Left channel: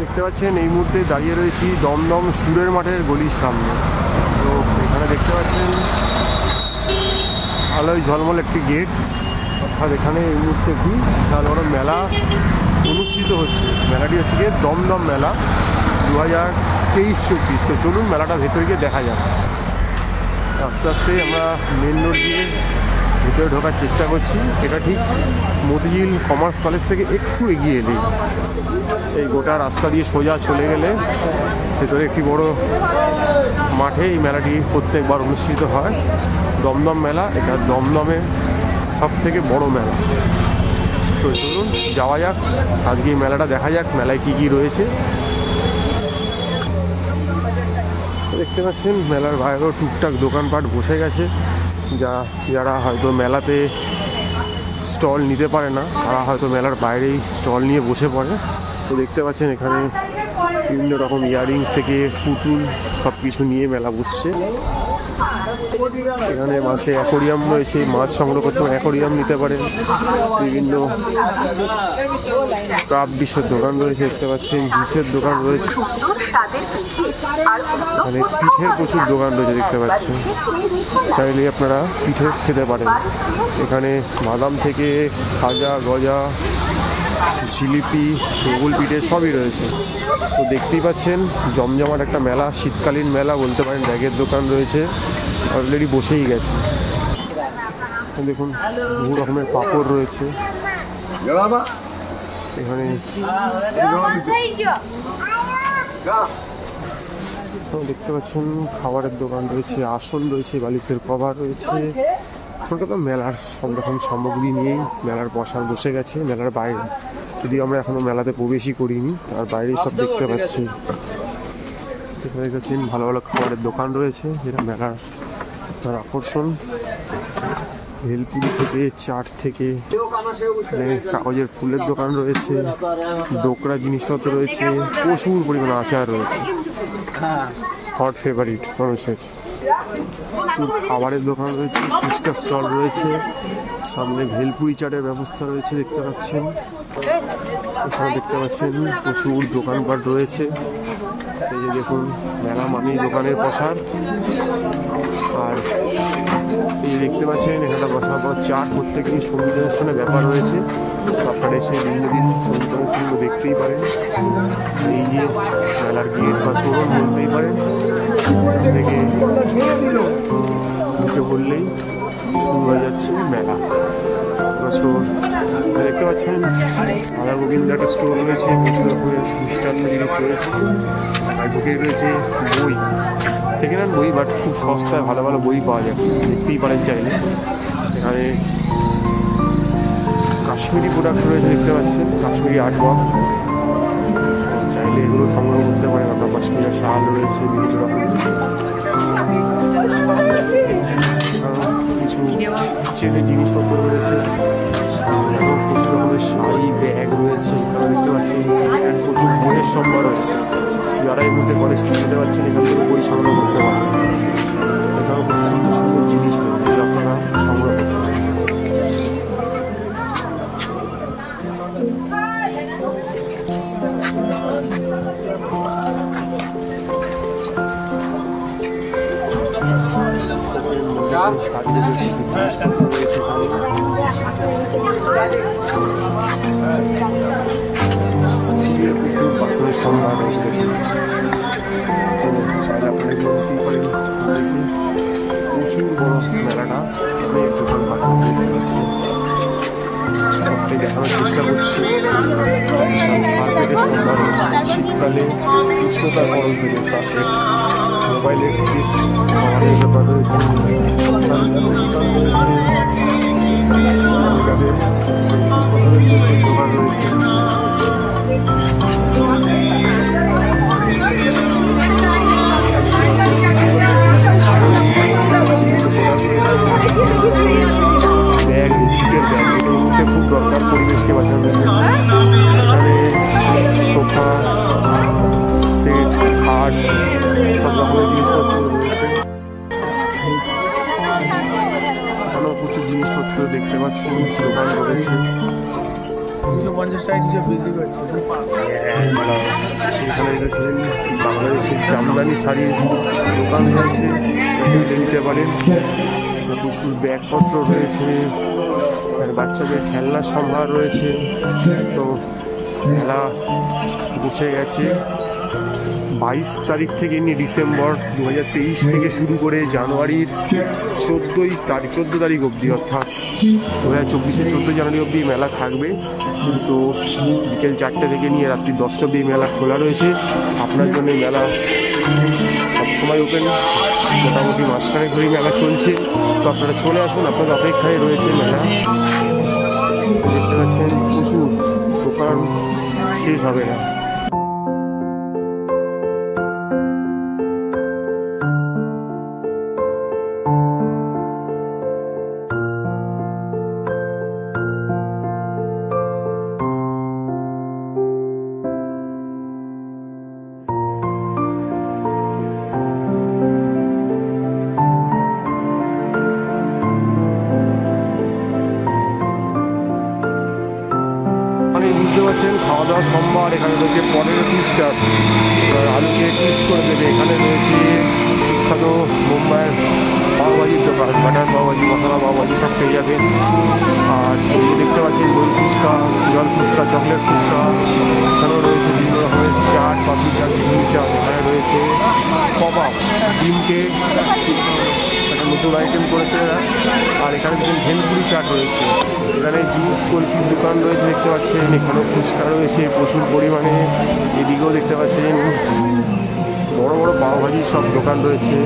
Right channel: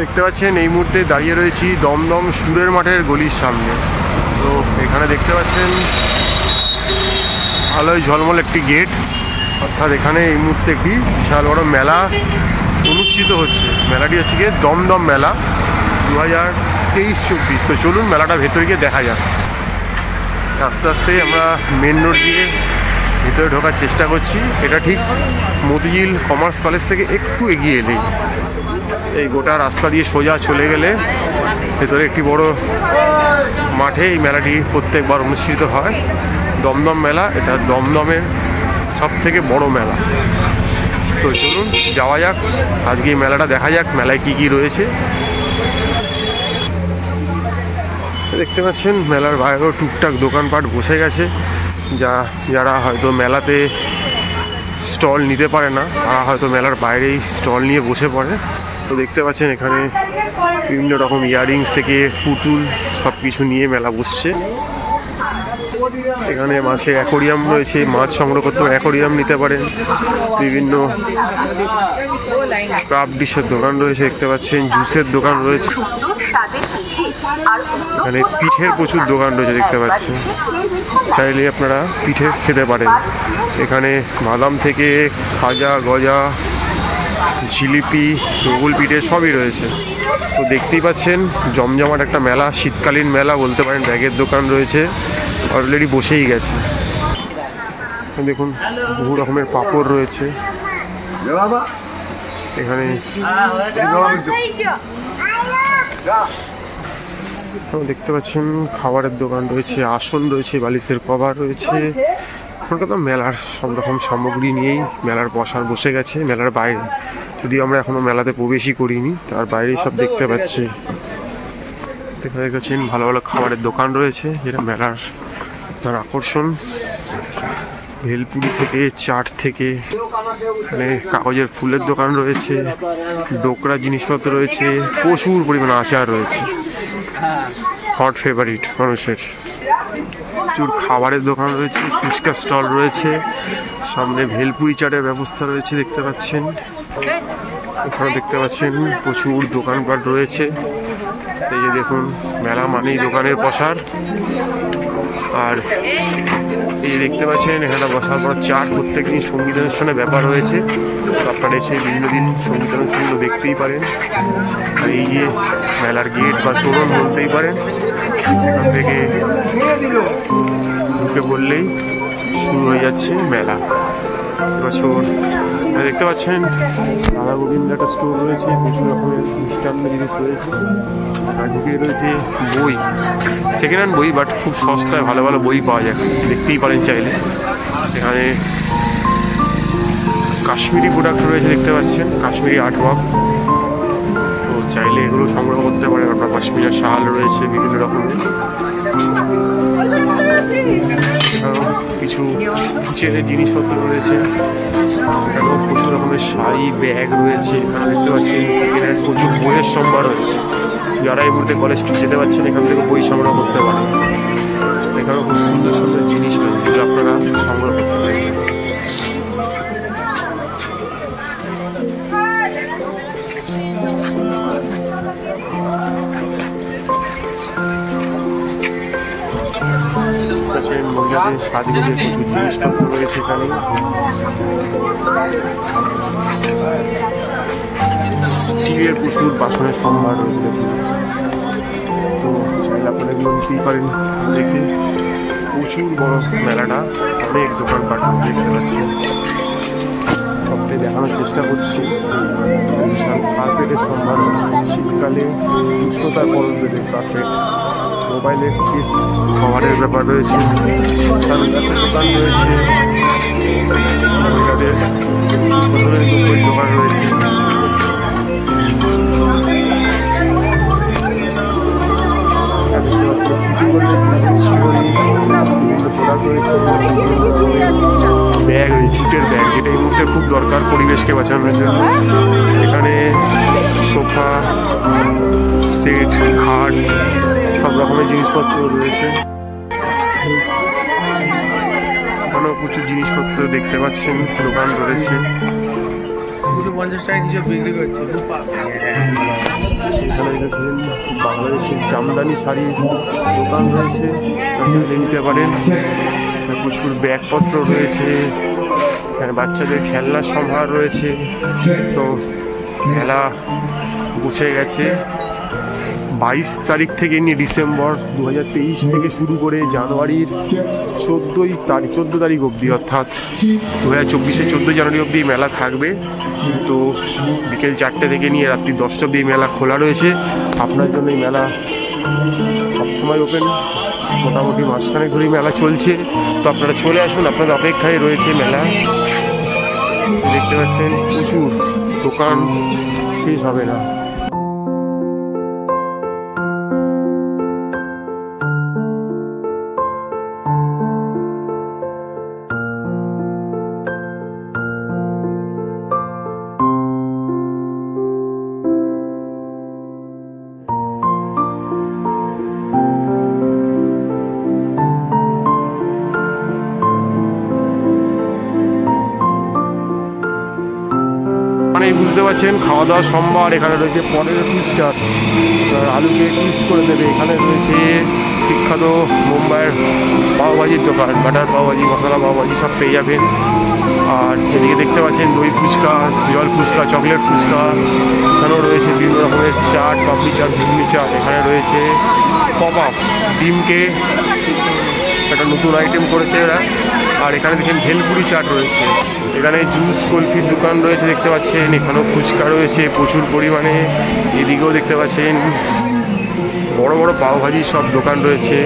দেখতে পাচ্ছেন এই মুহূর্তে দাঁড়িয়ে রয়েছি দমদম সুরের মাঠের গলির সামনে। তো এখানে দেখতে পাচ্ছেন আলোয় ঝলমল একটি গেট, অর্থাৎ এখানে এই মুহূর্তে একটি বিশাল বড় মেলা অনুষ্ঠিত হচ্ছে। মেলাটি হচ্ছে গিয়ে দমদম মেলা 2023-24। তো চলুন মেলাটা ভেতরে গিয়ে দেখা যাক। আস্তে আস্তে আমরা মেন রোড দিয়ে ভেতরে ঢোকার চেষ্টা করছি। এটা ঠিক মতিঝিল কমার্স কলেজ থেকে একটু এগিয়ে এলেই এই গোটা রাস্তা দিয়ে সোজা চলে গেলে ভেতরে একটি বড় মাঠে এই মেলাটি প্রত্যেকবার অনুষ্ঠিত হয়। দমদম মেলা, এটা দমদমের সব থেকে বড় মেলা। তো চলুন যাওয়া যাক, আজকে এই মেলাটা দেখা যাক মেলায় কি কি রয়েছে। দেখতে পাচ্ছেন মেলার বাইরেও টুকটাক দোকানপাট বসে গেছে। যারা হয়তো মেলাতে স্টল নিতে পারে না তারা হয়তো মেলার বাইরেই স্টল নিয়ে বসে পড়ে। তো দেখতে পাচ্ছেন এখানে বিভিন্ন রকম ইয়াররিংস থেকে পুতুল সব কিছু নিয়ে মেলা বসছে। এখানে মাছের অ্যাকোরিয়াম রয়েছে, মাছ সংগ্রহ করতে অ্যাকোরিয়াম নিতে পারেন। বিভিন্ন ক্রাফট ডিশের দোকান রয়েছে, দেখতে পাচ্ছেন জুসের দোকান রয়েছে। এখানে পিঠের প্রচুর দোকান রয়েছে, দেখতে পাচ্ছেন। চাইলে আপনারা পিঠে খেতে পারেন। এখানে বাদাম থেকে খাজা, গজা, জিলিপি, রুগুল পিঠে সবই রয়েছে। তো দেখতেই পাচ্ছেন জমজমাট একটা মেলা, শীতকালীন মেলা বলতে পারেন। ব্যাগের দোকান রয়েছে, অলরেডি বসেই গেছে। দেখুন বহু রকমের পাঁপড় রয়েছে এখানে। দেখতে পাচ্ছেন খাবারের দোকান রয়েছে, আসন রয়েছে, বালিশের কভার রয়েছে। কলকাতা মেলার সব রকম সামগ্রী নিয়েই মেলার বসে গেছে। মেলার বাইরে যদিও আমরা এখনো মেলাতে প্রবেশই করিনি, তার বাইরেই সব দেখতে পাচ্ছি। দেখতে পাচ্ছেন ভালো ভালো খাবারের দোকান রয়েছে, যেটা মেলার তার আকর্ষণ। ভেলপুরি থেকে চাট থেকে এখানে কাগজের ফুলের দোকান রয়েছে, ডোকরা জিনিসপত্র রয়েছে, প্রচুর পরিমাণে আচার রয়েছে, হট ফেভারিট মানুষের। প্রচুর খাবারের দোকান রয়েছে, ফুচকা স্টল রয়েছে, সামনে ভেলপুরি চাটের ব্যবস্থা রয়েছে দেখতে পাচ্ছেন। এখানে দেখতে পাচ্ছেন প্রচুর দোকানপাট রয়েছে। এই যে দেখুন মেলা মানেই দোকানের প্রসার। আর এই দেখতে পাচ্ছেন এখানে বসার পর চার প্রত্যেক দিন সঙ্গীত অনুষ্ঠানের ব্যাপার রয়েছে। আপনারা এসে বিভিন্ন দিন সঙ্গীত অনুষ্ঠানগুলো দেখতেই পারেন। আর এই যে মেলার গেট বা তোরণ বলতেই পারেন, এখান থেকে ঢুকে পড়লেই শুরু হয়ে যাচ্ছে মেলা। এবছর দেখতে পাচ্ছেন রাধা গোবিন্দ একটা স্টোর রয়েছে, প্রচুর রকমের মিষ্টান্ন জিনিস রয়েছে। আর ঢুকে রয়েছে বই, সেকেন্ড হ্যান্ড বই, বাট খুব সস্তায় ভালো ভালো বই পাওয়া যায়, দেখতেই পারেন চাইলে। এখানে কাশ্মীরি প্রোডাক্ট রয়েছে, দেখতে পাচ্ছেন কাশ্মীরি আর্ট ওয়ার্ক। তো চাইলে এগুলো সংগ্রহ করতে পারেন। আপনার কাশ্মীরের শাল রয়েছে বিভিন্ন রকমের। কিছু কিচেনের জিনিসপত্র রয়েছে, এখানেও প্রচুর রকমের শাড়ি, ব্যাগ রয়েছে। এখানে দেখতে পাচ্ছেন সেকেন্ড হ্যান্ড প্রচুর বইয়ের সম্ভার রয়েছে। যারা এই মুহূর্তে কলেজ যেতে পারছেন এখান থেকে বই সংগ্রহ করতে পারেন। এখানেও খুব সুন্দর সুন্দর জিনিস রয়েছে যেগুলো আপনারা সংগ্রহ করতে পারেন। মহিলাদের সাজগোজের কিছু জিনিসপত্র রয়েছে এখানে। স্টিলের প্রচুর বাসনের সম্ভার রয়েছে। তো চাইলে আপনারা এগুলো নিতেই পারেন। দেখে প্রচুর বড় মেলাটা, অনেক দোকানপাট দেখতে পাচ্ছি। সবটাই দেখানোর চেষ্টা করছি। বিশাল কার্পেটের সম্ভার রয়েছে, শীতকালে উষ্ণতার পরশ দেবে কার্পেট। মোবাইলের কেস কভারের ব্যাপার রয়েছে, সানগ্লাসের দোকান রয়েছে, মহিলাদের পছন্দের বইয়ের দোকান রয়েছে। সিটি গোল্ডের শিহরি বিভিন্ন প্রোডাক্ট রয়েছে, ব্যাগ, জুটের ব্যাগ, যেটা এই মুহূর্তে খুব দরকার পরিবেশকে বাঁচানোর জন্য। এখানে সোফা সেট, খাট, সব রকমের জিনিসপত্র রয়েছে। এখানেও প্রচুর জিনিসপত্র দেখতে পাচ্ছেন দোকান রয়েছে। 50 টাকা কিছু বিক্রি করছে। এখানে দেখেছেন বাংলাদেশের জামদানি শাড়ির দোকান রয়েছে, চাইলে নিতে পারেন। প্রচুর ব্যাগপত্র রয়েছে, এখানে বাচ্চাদের খেলনার সম্ভার রয়েছে। তো মেলা বসে গেছে 22 তারিখ থেকে নিয়ে ডিসেম্বর 2023 থেকে শুরু করে জানুয়ারির 14 তারিখ অবধি, অর্থাৎ 2024-এর 14 জানুয়ারি অবধি মেলা থাকবে। তো বিকেল 4টে থেকে নিয়ে রাত্রি 10টা অবধি মেলা খোলা রয়েছে। আপনার জন্য এই মেলা সবসময় ওপেন, মোটামুটি মাঝখানে ধরেই মেলা চলছে। তো আপনারা চলে আসুন, আপনাদের অপেক্ষায় রয়েছে মেলা। দেখতে পাচ্ছেন প্রচুর দোকান, শেষ হবে না। বুঝতে পারছেন খাওয়া দাওয়া সম্ভার। এখানে রয়েছে পটেটো টুইস্টার, আপনার আলুকে টুইস্ট করে দেবে। এখানে রয়েছে বিখ্যাত মুম্বাইয়ের পাওভাজির দোকান, বাটার পাওভাজি, মশলা পাওভাজি সব পেয়ে যাবেন। আর এদিকে দেখতে পাচ্ছেন দই ফুচকা, জল ফুচকা, চকলেট ফুচকা। এখানেও রয়েছে বিভিন্ন রকমের চাট, পাপড়ি চাট, ঘুগনি চাট। এখানে রয়েছে পপ আপ ডিমকে একটা নতুন আইটেম করেছে এরা। আর এখানে দেখছেন ভেলপুরি চাট রয়েছে। এখানে জুস কুলফির দোকান রয়েছে দেখতে পাচ্ছেন। এখানেও ফুচকা রয়েছে প্রচুর পরিমাণে। এদিকেও দেখতে পাচ্ছেন বড় বড় পাওভাজির সব দোকান রয়েছে।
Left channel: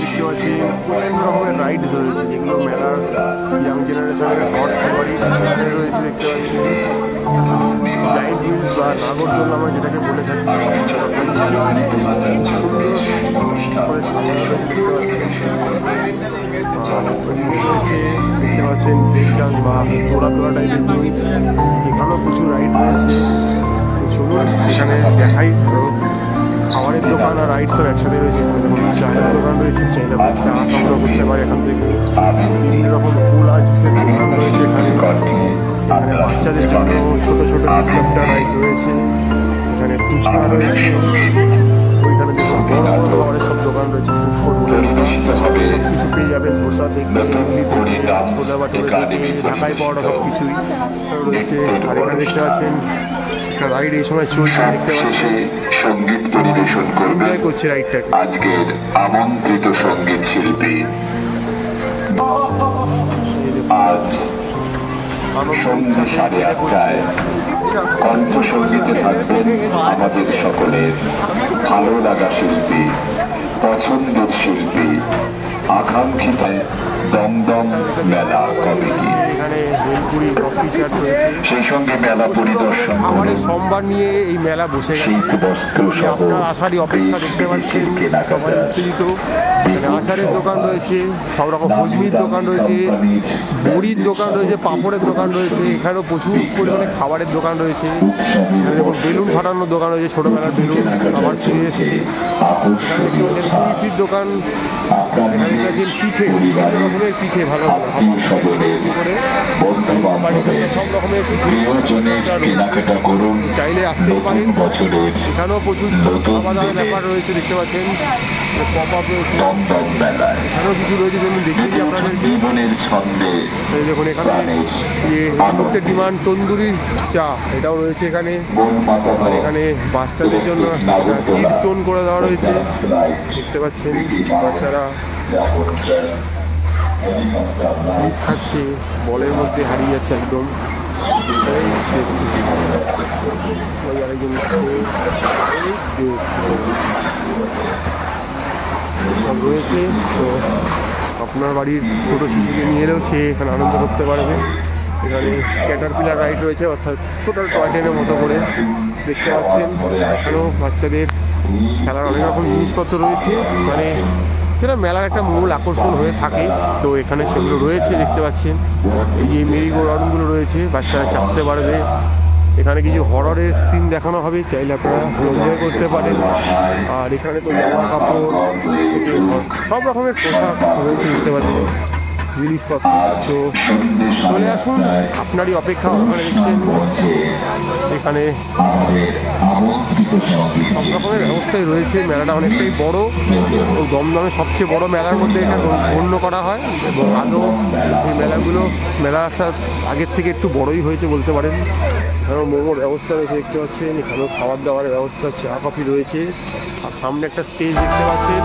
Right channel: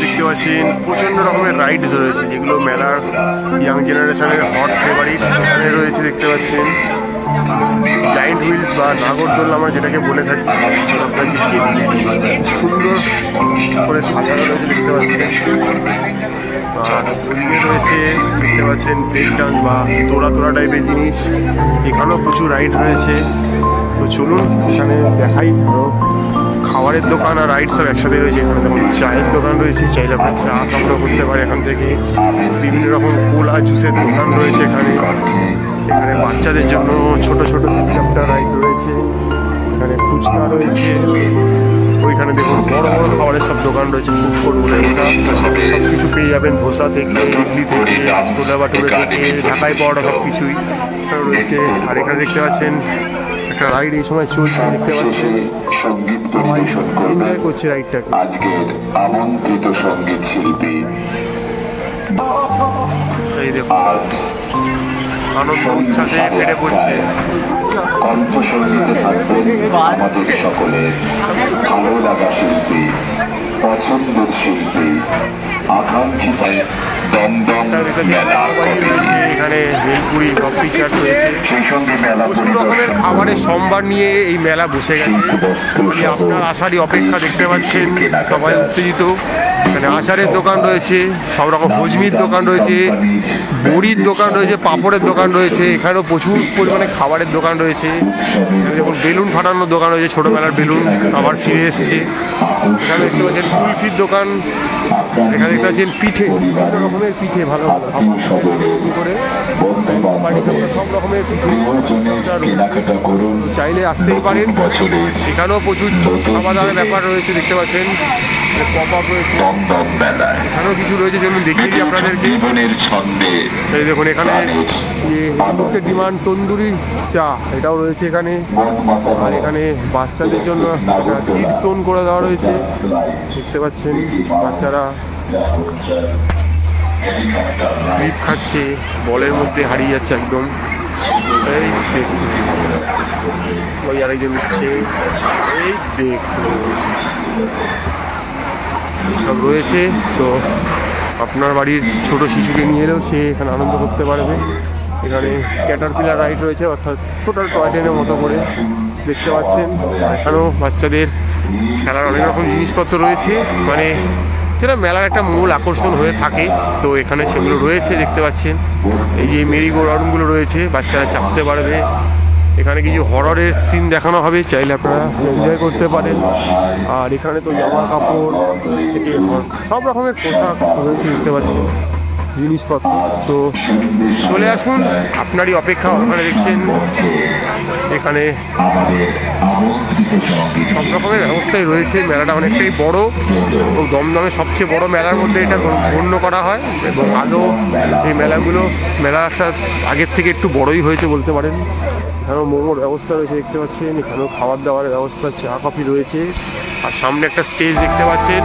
দেখতে পাচ্ছেন প্রচণ্ড রকমের রাইডস রয়েছে, যেগুলো মেলার ইয়াং জেনারেশনের হট ফেভারিট। এখানে রয়েছে দেখতে পাচ্ছেন জায়েন্ট হুইলস বা নাগরদোল্লা আমরা যেটাকে বলে থাকি। আপনার দেখিয়ে সুন্দর করে সাজানো রয়েছে দেখতে পাচ্ছেন। আর ওদিকে রয়েছে দেখতে পাচ্ছেন ব্রেক ডান্স বা তোড়া টাইপের জিনিস। এখানেও প্রচুর রাইড রয়েছে। তো চলুন এখানে দেখাই। আরও খাবারের দোকান আর রাইড সব একসাথে রয়েছে। এখানে দেখুন চায়ের দোকান রয়েছে, চাইলে আপনার চা সংগ্রহ করতে পারে এখান থেকে। বিভিন্ন রকম কোলা জুসের দোকান রয়েছে এখানে। এখানে বাচ্চাদের জন্য ছোট ছোট হেলিকপ্টার রাইড রয়েছে। এখানে ফুচকা রয়েছে। ওইখানে দেখুন বড় বড় খাবারের সব দোকান রয়েছে, ফুড কোর্ট বলে এটা। সব কিছু পেয়ে যাবেন, ধোসা থেকে, ইডলি থেকে, ছোলা বাটুরে থেকে, ঢাকাই পাওয়াটা সব কিছুই রয়েছে। আর এখানে দেখতে পাচ্ছেন একটা রাইড এই সময় চলছে, দেখতে পাচ্ছেন এনজয় করছে রাইডটাকে। আজকের আমন্ত্রিত সঙ্গীত শিল্পী এই দেখুন আনন্দ উচ্ছ্বাসে ফেটে পড়ছে। কণ্ঠসঙ্গীতে থাকবেন আমাদের সকলের ভালো লাগা শিল্পী, পছন্দের শিল্পী, আকাঙ্ক্ষিত দমদম মেলা। এখানে ভেলপুরি, পাপড়ি চাট রয়েছে। সেই সঙ্গে মেলা প্রচুর রকমের খাবারের সম্ভার নিয়ে এই মেলা বসে গেছে। আপনার আসারই অপেক্ষা, দেখতে পাচ্ছেন সবাই উত্তেজিত। এখানে আচারের দোকান রয়েছে, সব রকম ভোজমির দোকান রয়েছে, বড়ির দোকান রয়েছে, পাঁপড়ের দোকান রয়েছে। এখানেও প্রচুর পরিমাণে খাবারের দোকান রয়েছে। দেখুন বেলুন ফাটানোর দোকান রয়েছে, ছোটোবেলার বেলুন আবার ফিরে এসছে। এখানে দেখতে পাচ্ছেন কুলফির দোকান। এখানে দেখতে পাচ্ছেন পিঠে, বিভিন্ন রকমের পিঠে, ভালো ভালো করে সব রকমের পিঠে চাইলে আসতেই পারেন। এখানেও প্রচুর খাওয়া দাওয়ার ব্যাপার রয়েছে, দেখতে পাচ্ছেন পপ আপ রয়েছে। এখানেও কিছু রয়েছে, চলুন দেখিয়ে দিই আপনাদেরকে। এই দেখুন এখানে যে এই মুহূর্তে ডিমান্ড তন্দুরি চা, এটাও রয়েছে এখানে। আর এখানে বাচ্চাদের জন্য একটা কিড জোন করে দেওয়া রয়েছে, দেখতে পাচ্ছেন। বাচ্চারা স্লিপ খাচ্ছে, বলের মধ্যে হারিয়ে যাচ্ছে একদম। এই দেখুন ওই আরেকজন উঠছে, এই দেখুন সব রয়েছে। তো আপনার বাড়ির ছোট শিশুকে নিয়ে এলেও সে এখানে আনন্দ করতে পারবে। এখানে ক্যাটারপিলার রাইড রয়েছে, অর্থাৎ ছোটো টয় ট্রেনের মতো করে, দেখতে পাচ্ছেন। এখানেও বাচ্চাদের খেলার অনেক রকম জিনিসপত্র রয়েছে, মানে যেটা মেলার একটা মূল আকর্ষণ হয়ে থাকে। তো এখানে সেগুলো রয়েছে, দেখতে পাচ্ছেন। এই যে মেরি গো রাউন্ডগুলো রয়েছে, বাচ্চারা চাপতে পারবে। এখানে কিছু হররের সিন দেখানো হবে, চাইলে আপনারা এনজয় করতে পারেন। আর এখানে তো জামা কাপড় থেকে সব রকমের পোশাক রয়েছে, দেখতে পাচ্ছেন। জিনিসপত্র। তো চলে আসুন, আপনারই অপেক্ষা। ওখানে দেখছেন এখানে সব রকমের ব্যবস্থাই রয়েছে। মেলাটা অনেকটাই বড় ও দমদমের সবচেয়ে বড় মেলার মধ্যে এটা গণ্য করা হয়, এবং আদৌ এই মেলাটা আগের থেকে একটু বড়ই হয়েছে বলতে পারেন। এখানেও মোমোর ব্যবস্থা রয়েছে দেখতে পাচ্ছেন, এখানেও খাবার দাবারের ব্যবস্থা, চা কফি রয়েছে, আর সামনে একটা স্টেজ দেখতে পাচ্ছেন।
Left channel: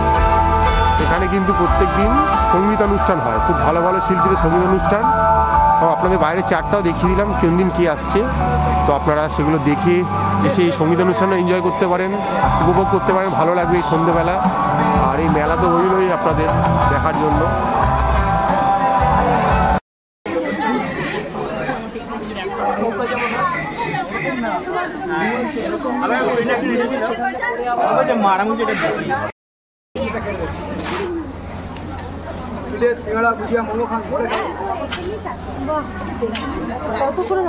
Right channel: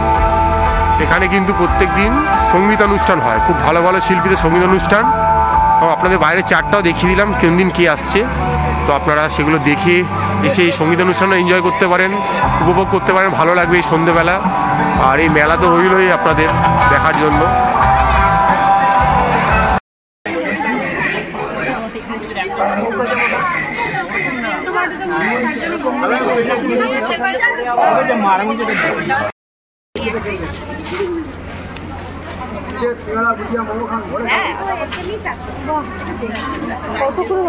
এখানে কিন্তু প্রত্যেক দিন সঙ্গীতানুষ্ঠান হয়, খুব ভালো ভালো শিল্পীদের সঙ্গীতানুষ্ঠান। আপনাদের বাইরের চারটাও দেখিয়ে দিলাম কোন দিন কে আসছে, তো আপনারা সেগুলো দেখে এসে এই সঙ্গীতানুষ্ঠানটা এনজয় করতে পারেন, উপভোগ করতে পারেন, ভালো লাগবে এই সন্ধ্যেবেলা। আর এই মেলা তো রইলই আপনাদের দেখার জন্য। কত করে